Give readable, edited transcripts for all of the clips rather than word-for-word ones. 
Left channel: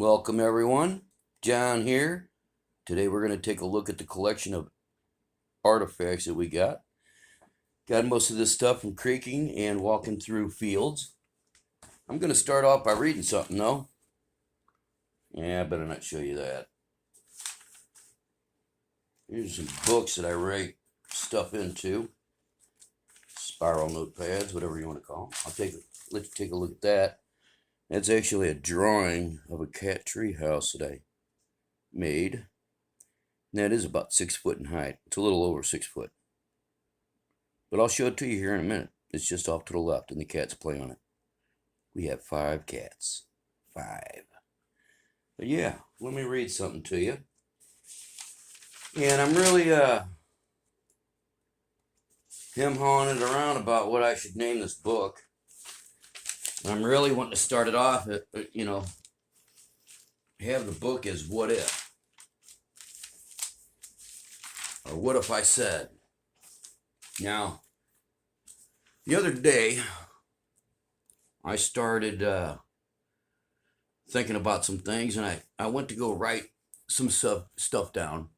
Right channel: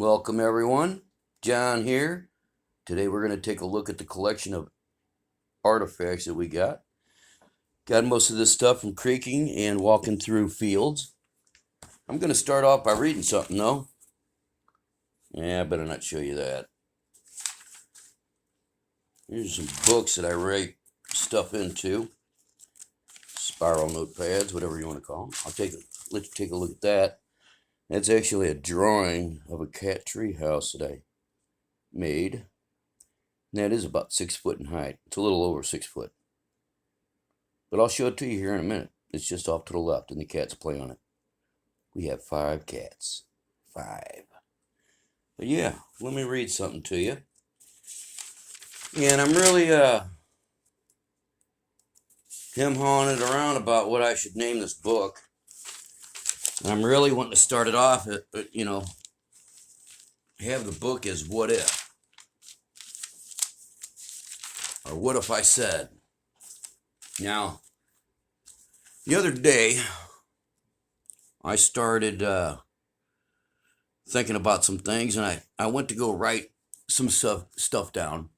Welcome everyone, John here. Today we're going to take a look at the collection of artifacts that we got. Got most of this stuff from creeking and walking through fields. I'm going to start off by reading something though. Yeah, I better not show you that. Here's some books that I write stuff into. Spiral notepads, whatever you want to call them. Let's take a look at that. That's actually a drawing of a cat tree house that I made. And that is about 6 foot in height. It's a little over 6 foot. But I'll show it to you here in a minute. It's just off to the left and the cats play on it. We have 5 cats. 5. But yeah, let me read something to you. And I'm really him-hawing it around about what I should name this book. I'm really wanting to start it off at, have the book as What If? Or What If I Said? Now, the other day, I started thinking about some things, and I went to go write some stuff down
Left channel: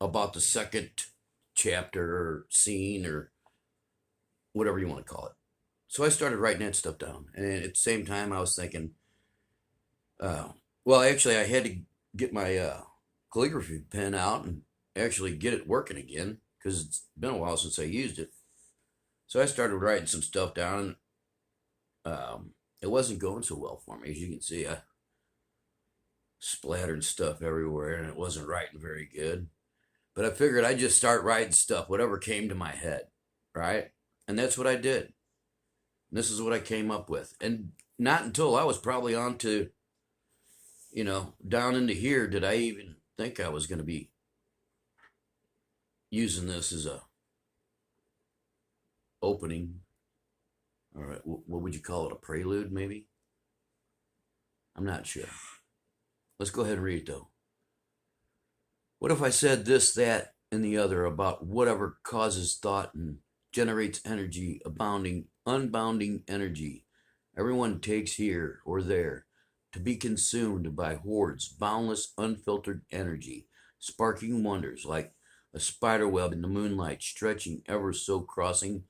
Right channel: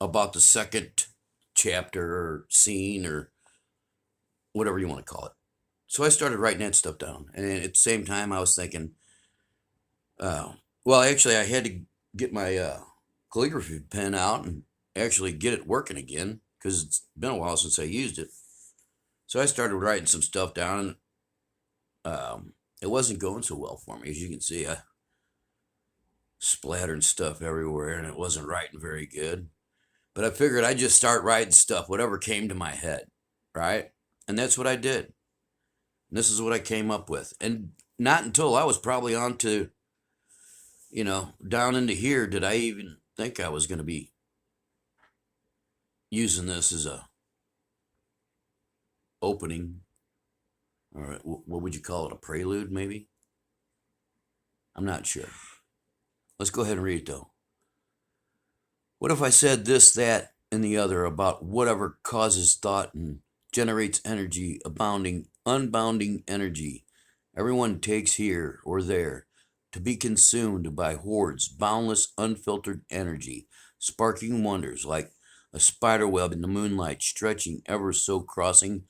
about the second chapter or scene or whatever you want to call it. So I started writing that stuff down, and at the same time, I was thinking, actually, I had to get my calligraphy pen out and actually get it working again because it's been a while since I used it. So I started writing some stuff down, and it wasn't going so well for me. As you can see, I splattered stuff everywhere, and it wasn't writing very good. But I figured I'd just start writing stuff, whatever came to my head, right? And that's what I did. And this is what I came up with. And not until I was probably on to, down into here did I even think I was going to be using this as a opening, or what would you call it, a prelude maybe? I'm not sure. Let's go ahead and read it though. What if I said this, that, and the other about whatever causes thought and generates energy, unbounding energy everyone takes here or there, to be consumed by hordes, boundless, unfiltered energy, sparking wonders like a spider web in the moonlight, stretching ever so, crossing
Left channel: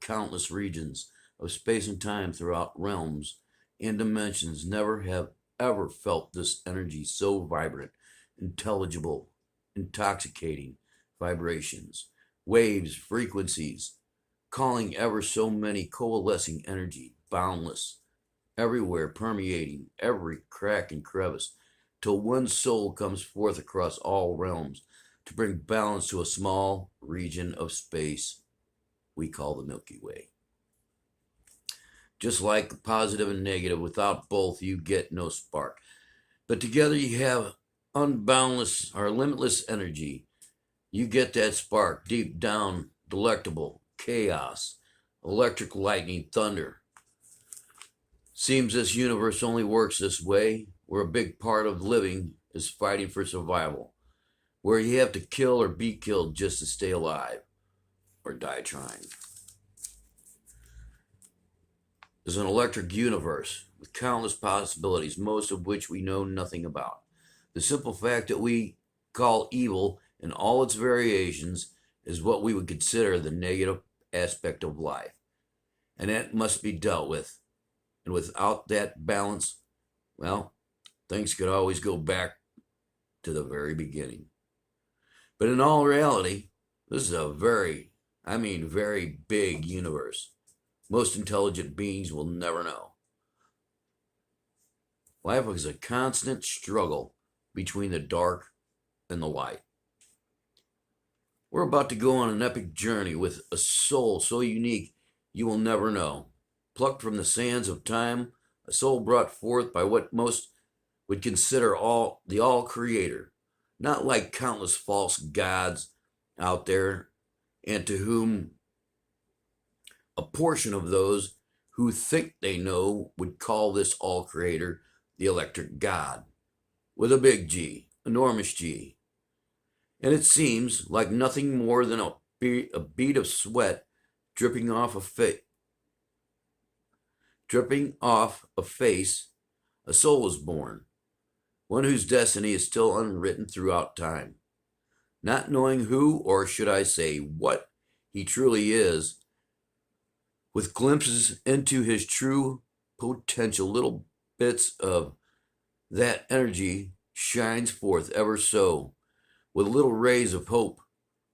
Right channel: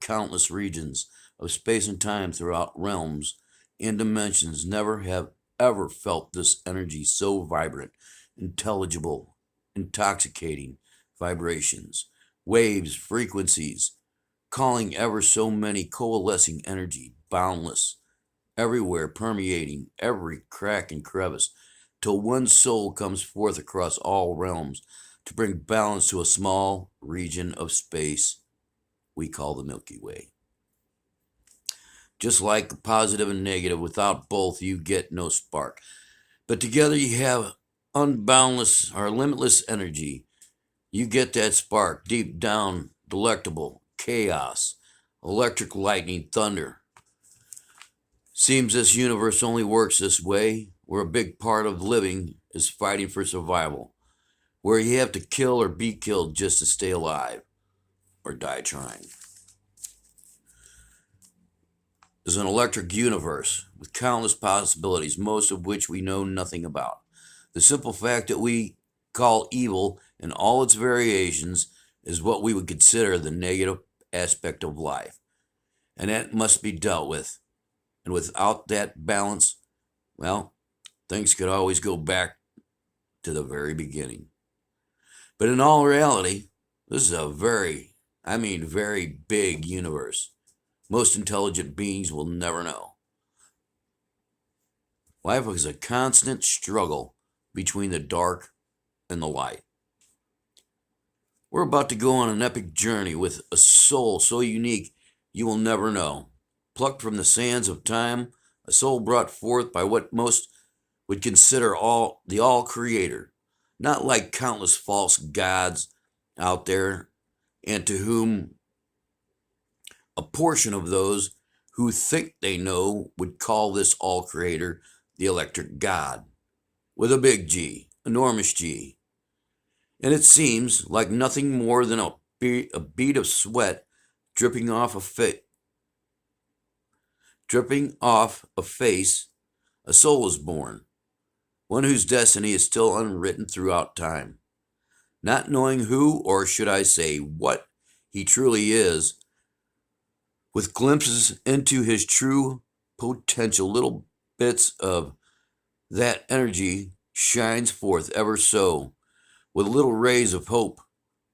countless regions of space and time throughout realms and dimensions. Never have ever felt this energy so vibrant, intelligible, intoxicating vibrations, waves, frequencies, calling ever so many, coalescing energy, boundless, everywhere, permeating every crack and crevice, till one soul comes forth across all realms to bring balance to a small region of space we call the Milky Way. Just like the positive and negative, without both you get no spark. But together you have unboundless or limitless energy. You get that spark deep down, delectable, chaos, electric lightning, thunder. Seems this universe only works this way, where a big part of living is fighting for survival, where you have to kill or be killed just to stay alive, or die trying. There's an electric universe with countless possibilities, most of which we know nothing about. The simple fact that we call evil in all its variations is what we would consider the negative aspect of life. And that must be dealt with. And without that balance, well, things could always go back to the very beginning. But in all reality, this is a very big universe. Most intelligent beings will never know. Life is a constant struggle between the dark and the light. We're about to go on an epic journey with a soul so unique you will never know. Plucked from the sands of time, a soul brought forth by what most would consider the all-creator, not like countless false gods out there, and to whom a portion of those who think they know would call this all-creator the electric God, with a big G, enormous G. And it seems like nothing more than a bead of sweat dripping off a Dripping off a face, a soul is born, one whose destiny is still unwritten throughout time. Not knowing who, or should I say what, he truly is, with glimpses into his true potential, little bits of that energy shines forth ever so, with little rays of hope.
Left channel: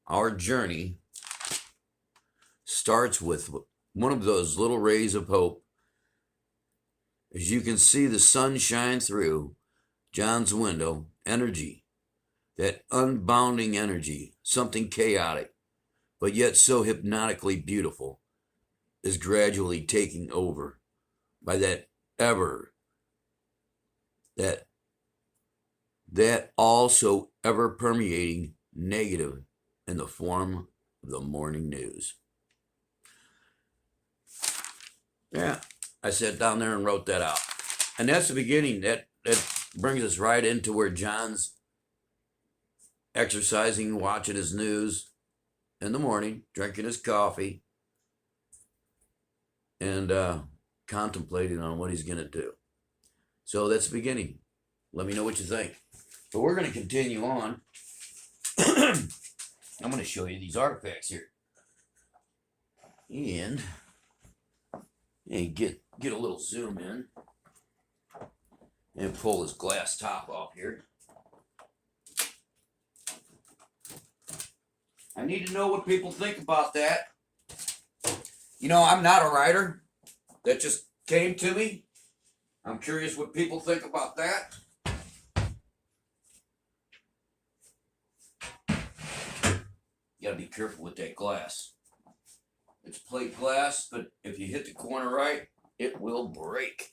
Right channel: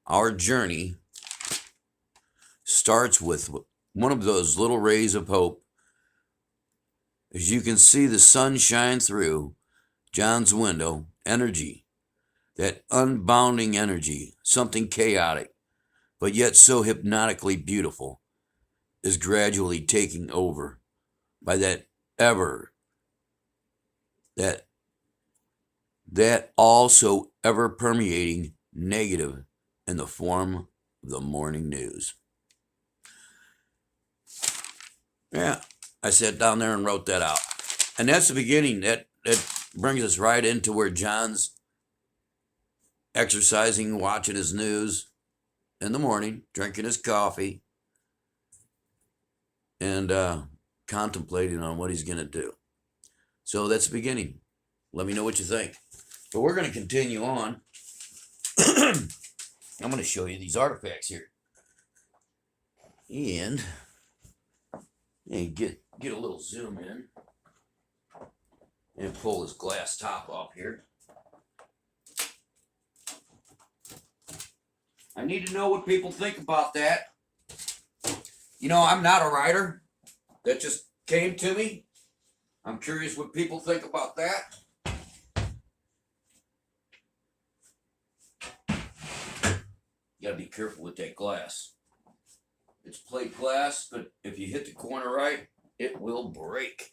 Our journey starts with one of those little rays of hope. As you can see the sun shine through John's window, energy, that unbounding energy, something chaotic, but yet so hypnotically beautiful, is gradually taking over by that also ever permeating negative in the form of the morning news. Yeah, I sat down there and wrote that out. And that's the beginning. That brings us right into where John's exercising, watching his news in the morning, drinking his coffee, and contemplating on what he's going to do. So that's the beginning. Let me know what you think. So we're going to continue on. I'm going to show you these artifacts here. And get a little zoom in. And pull this glass top off here. I need to know what people think about that. You know, I'm not a writer. That just came to me. I'm curious what people think about that. You gotta be careful with that glass. It's plate glass, but if you hit the corner right, it will break.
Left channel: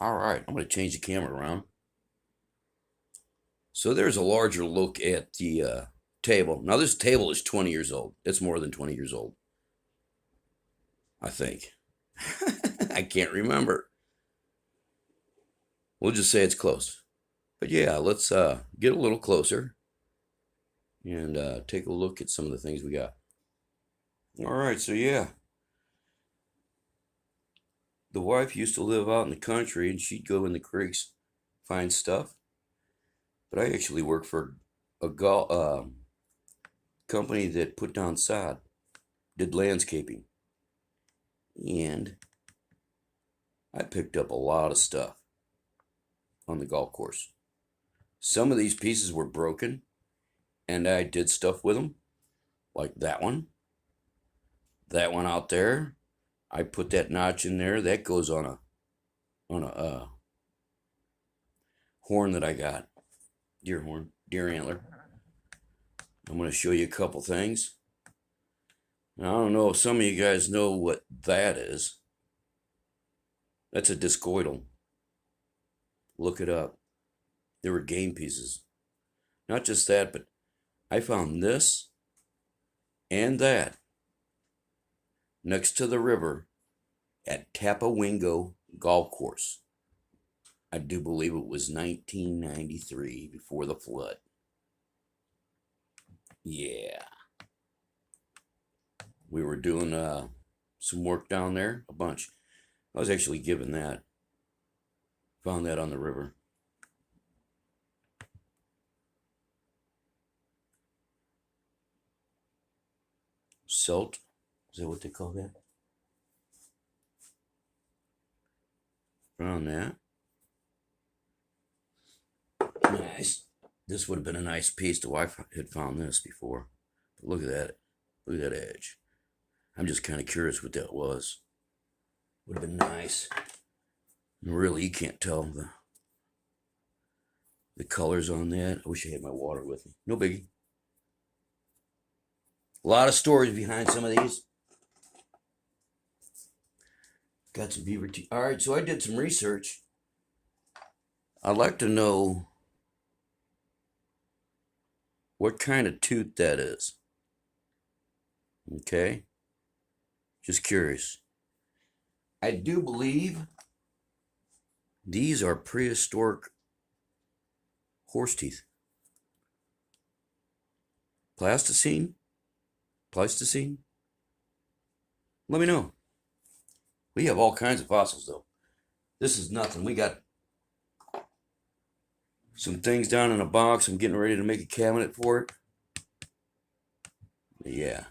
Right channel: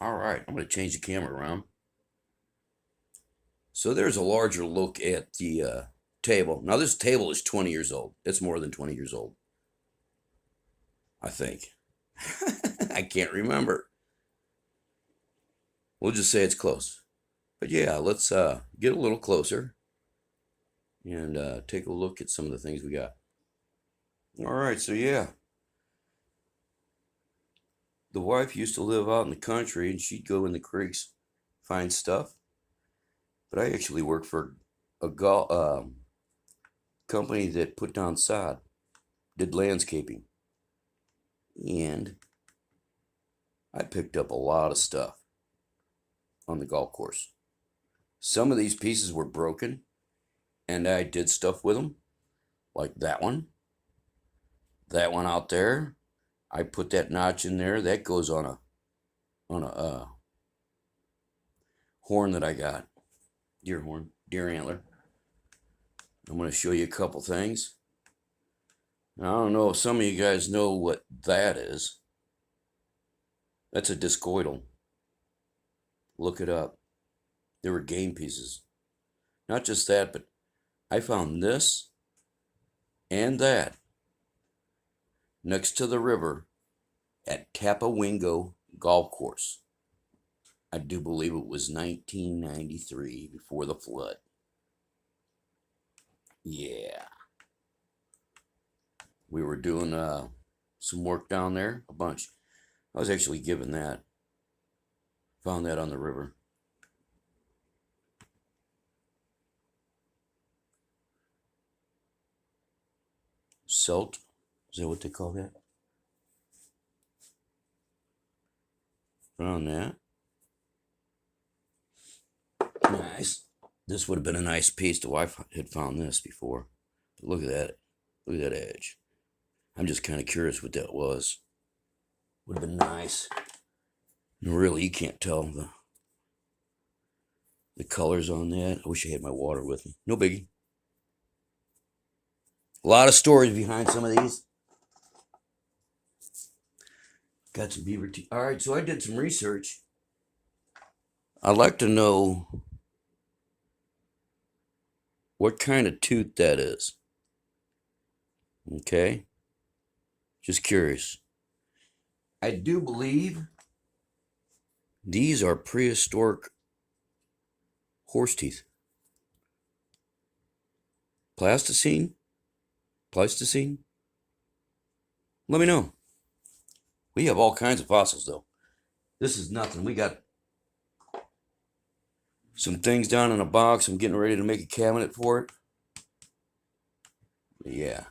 All right, I'm gonna change the camera around. So there's a larger look at the table. Now this table is 20 years old. It's more than 20 years old, I think. I can't remember. We'll just say it's close. But yeah, let's get a little closer and take a look at some of the things we got. All right, so yeah. The wife used to live out in the country and she'd go in the creeks, find stuff. But I actually worked for a company that put down sod, did landscaping. And I picked up a lot of stuff on the golf course. Some of these pieces were broken and I did stuff with them, like that one. That one out there, I put that notch in there. That goes on a horn that I got, deer horn, deer antler. I'm going to show you a couple things. Now, I don't know if some of you guys know what that is. That's a discoidal. Look it up. They were game pieces. Not just that, but I found this and that next to the river at Tapawingo Golf Course. I do believe it was 1993, before the flood. Yeah. We were doing some work down there, a bunch. I was actually given that. Found that on the river. Silt, is that what they call that? Found that. Nice. This would have been a nice piece. The wife had found this before. But look at that. Look at that edge. I'm just kind of curious what that was. Would have been nice. Really, you can't tell the colors on that. I wish I had my water with me. No biggie. A lot of stories behind some of these. Got some beaver teeth. All right, so I did some research. I'd like to know what kind of tooth that is. Okay? Just curious. I do believe these are prehistoric horse teeth. Pleistocene? Let me know We have all kinds of fossils, though. This is nothing. We got some things down in a box. I'm getting ready to make a cabinet for it. But yeah.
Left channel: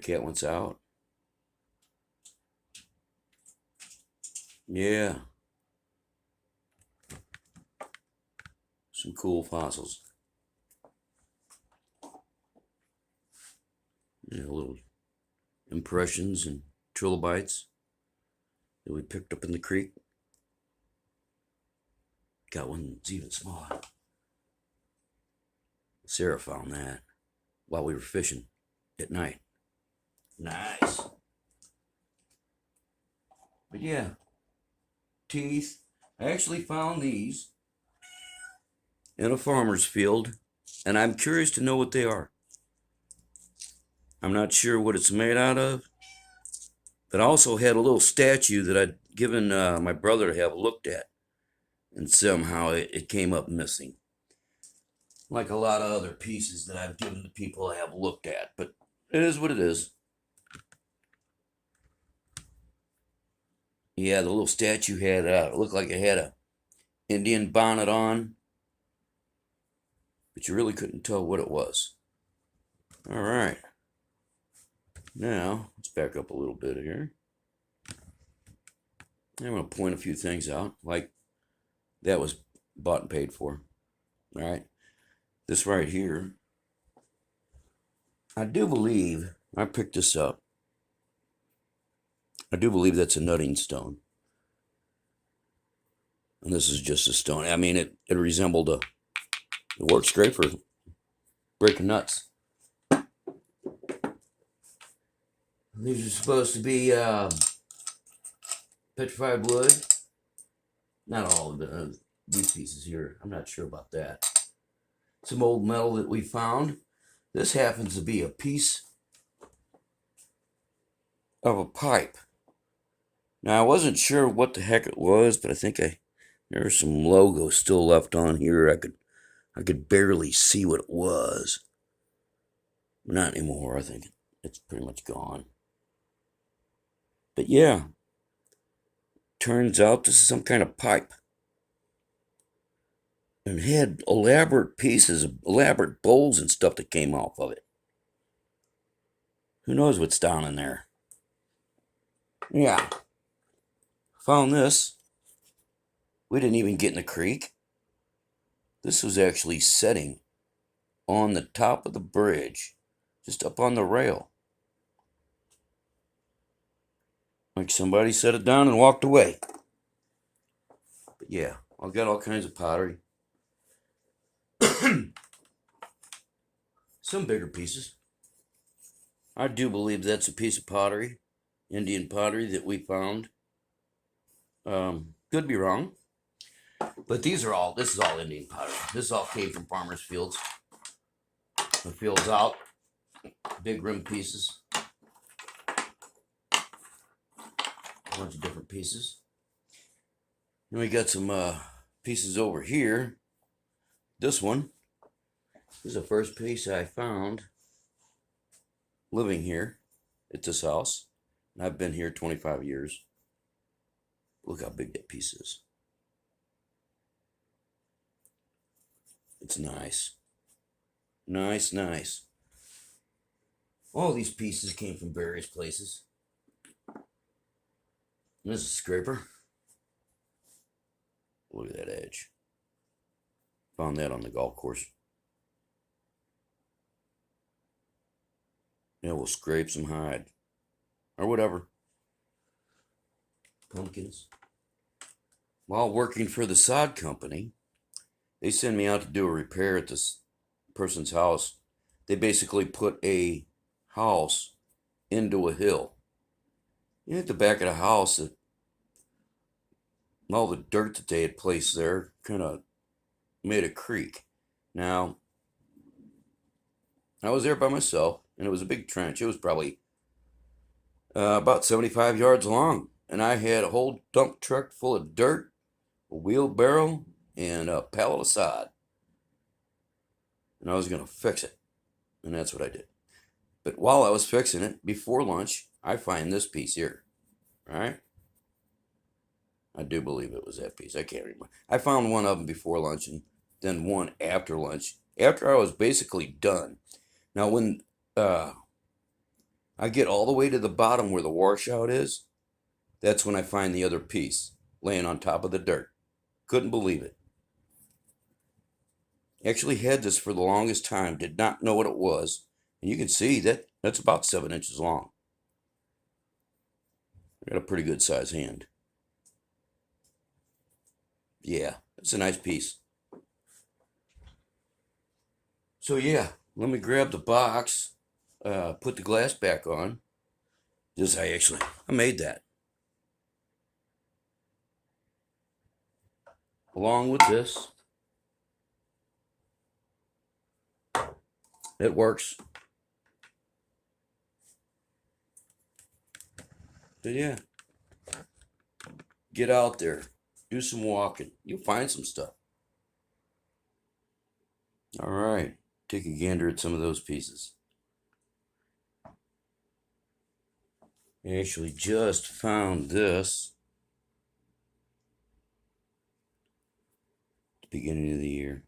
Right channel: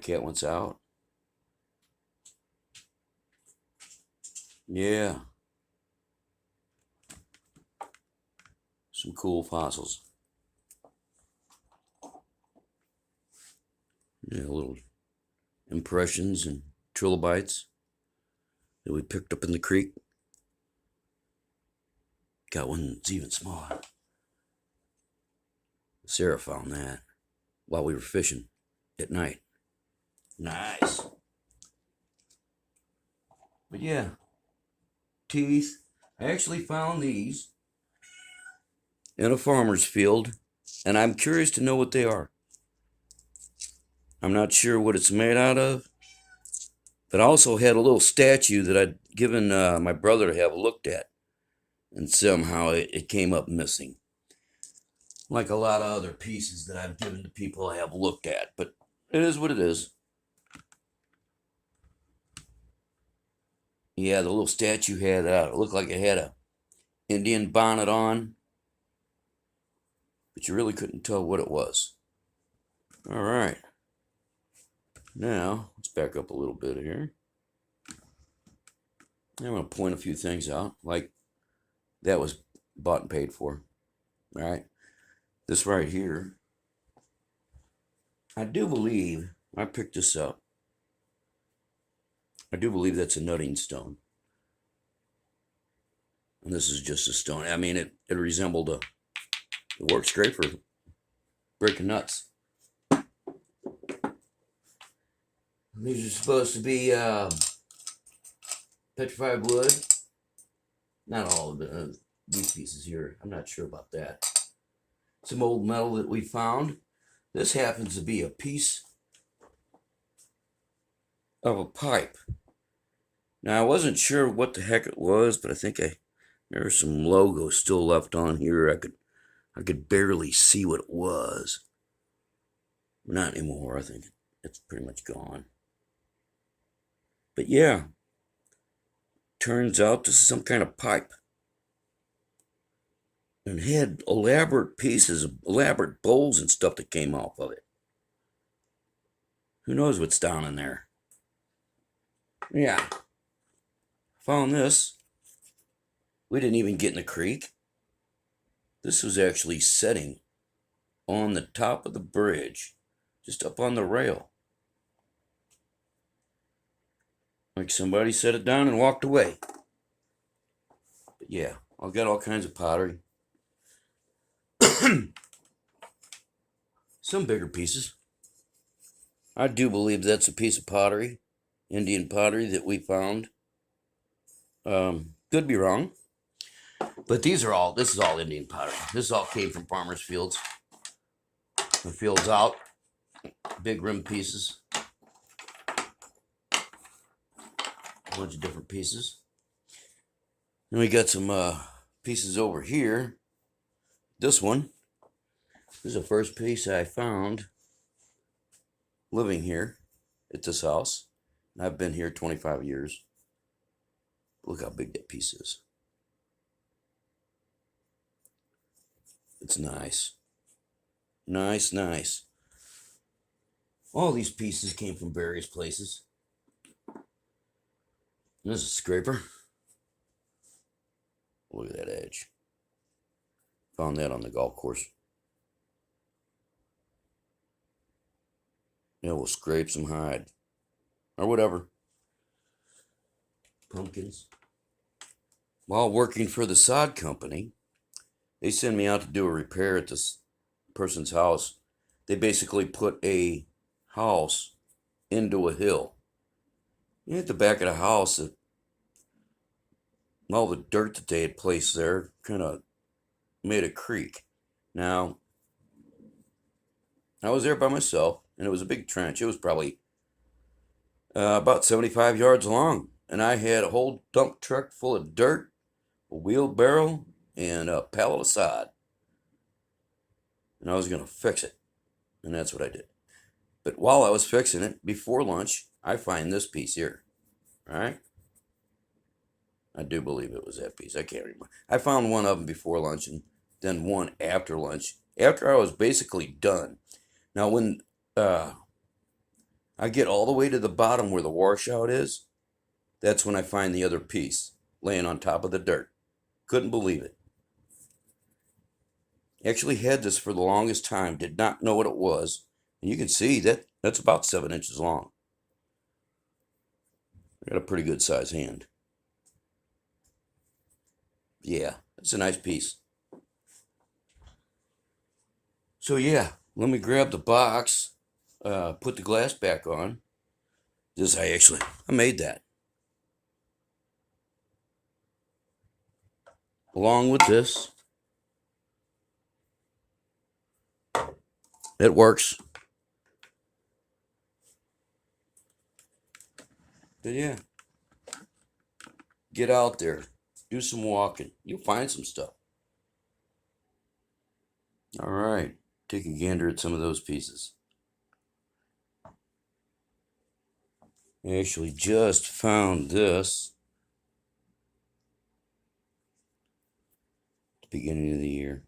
Cat wants out. Yeah. Some cool fossils. Yeah, little impressions and trilobites that we picked up in the creek. Got one that's even smaller. Sarah found that while we were fishing at night. Nice. But yeah, teeth. I actually found these in a farmer's field, and I'm curious to know what they are. I'm not sure what it's made out of, but I also had a little statue that I'd given my brother to have looked at, and somehow it came up missing. Like a lot of other pieces that I've given to people I have looked at, but it is what it is. Yeah, the little statue had, it looked like it had a Indian bonnet on, but you really couldn't tell what it was. All right. Now, let's back up a little bit here. I'm going to point a few things out, like that was bought and paid for. All right. This right here, I do believe, I picked this up. I do believe that's a nutting stone. And this is just a stone. I mean, it resembled it works great for breaking nuts. These are supposed to be petrified wood. Not all of these pieces here. I'm not sure about that. Some old metal that we found. This happens to be a piece of a pipe. Now, I wasn't sure what the heck it was, but I think there's some logo still left on here. I could barely see what it was. Not anymore. I think it's pretty much gone. But yeah, turns out this is some kind of pipe. And had elaborate pieces, elaborate bowls and stuff that came off of it. Who knows what's down in there? Yeah. Found this. We didn't even get in the creek. This was actually setting on the top of the bridge, just up on the rail. Like somebody set it down and walked away. But yeah, I've got all kinds of pottery. Some bigger pieces. I do believe that's a piece of pottery, Indian pottery that we found. Could be wrong. But this is all Indian pottery. This all came from farmers' fields. The fields out. Big rim pieces. A bunch of different pieces. And we got some pieces over here. This one. This is the first piece I found living here at this house. And I've been here 25 years. Look how big that piece is. It's nice. Nice, nice. All these pieces came from various places. And this is a scraper. Look at that edge. Found that on the golf course. Yeah, we'll scrape some hide. Or whatever. Pumpkins. While working for the sod company, they send me out to do a repair at this person's house. They basically put a house into a hill. And at the back of the house, all the dirt that they had placed there kind of made a creek. Now, I was there by myself, and it was a big trench. It was probably about 75 yards long. And I had a whole dump truck full of dirt, a wheelbarrow, and a pallet of sod. And I was going to fix it. And that's what I did. But while I was fixing it, before lunch, I find this piece here. All right? I do believe it was that piece. I can't remember. I found one of them before lunch and then one after lunch, after I was basically done. Now, when I get all the way to the bottom where the washout is, that's when I find the other piece laying on top of the dirt. Couldn't believe it. Actually had this for the longest time, did not know what it was. And you can see that that's about 7 inches long. I got a pretty good size hand. Yeah, it's a nice piece. So yeah, let me grab the box, put the glass back on. I made that. Along with this, it works. But yeah, get out there, do some walking. You'll find some stuff. All right, take a gander at some of those pieces. I actually just found this at the beginning of the year.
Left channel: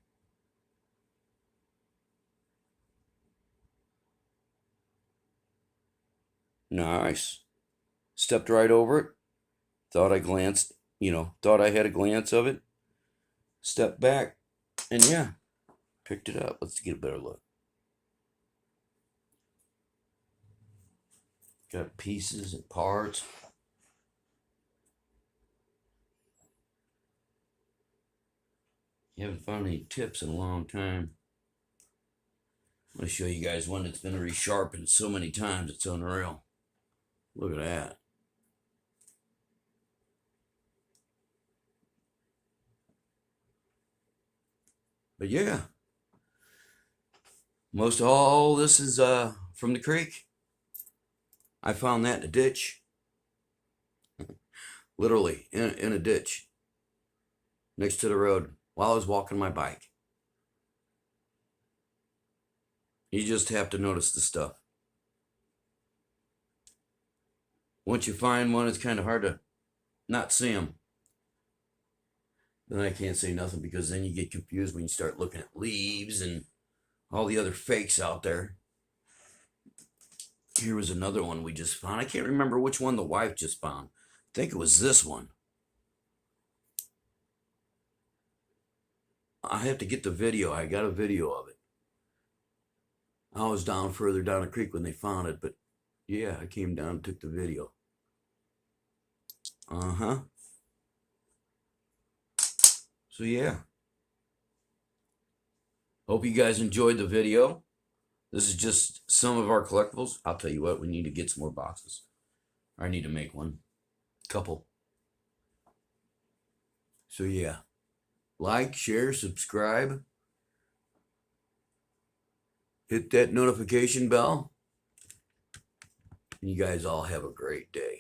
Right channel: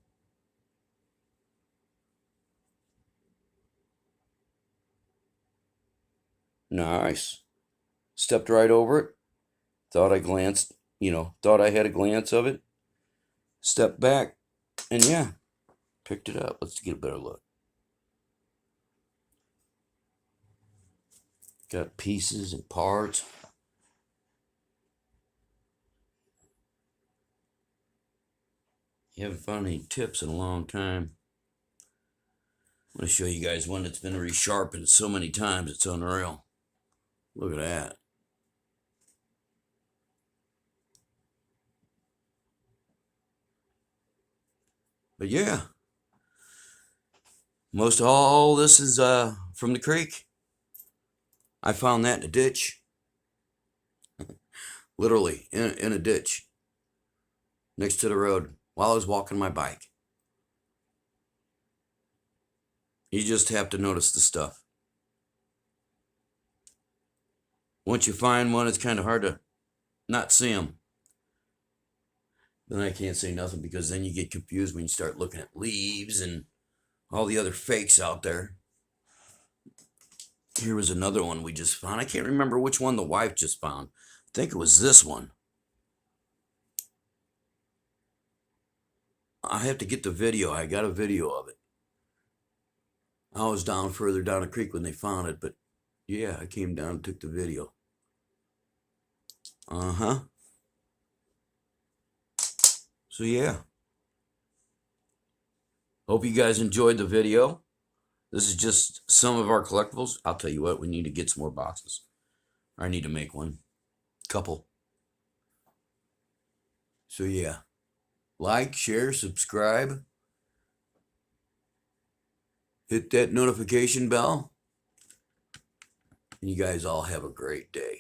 Nice. Stepped right over it. Thought I had a glance of it. Stepped back, and yeah, picked it up. Let's get a better look. Got pieces and parts. Haven't found any tips in a long time. I'm going to show you guys one that's been resharpened so many times it's unreal. Look at that. But yeah, most all this is from the creek. I found that in a ditch. Literally in a ditch next to the road while I was walking my bike. You just have to notice the stuff. Once you find one, it's kind of hard to not see them. Then I can't say nothing because then you get confused when you start looking at leaves and all the other fakes out there. Here was another one we just found. I can't remember which one the wife just found. I think it was this one. I have to get the video. I got a video of it. I was down further down the creek when they found it, but yeah, I came down and took the video. So yeah. Hope you guys enjoyed the video. This is just some of our collectibles. I'll tell you what, we need to get some more boxes. I need to make one. Couple. So yeah. Like, share, subscribe. Hit that notification bell. You guys all have a great day.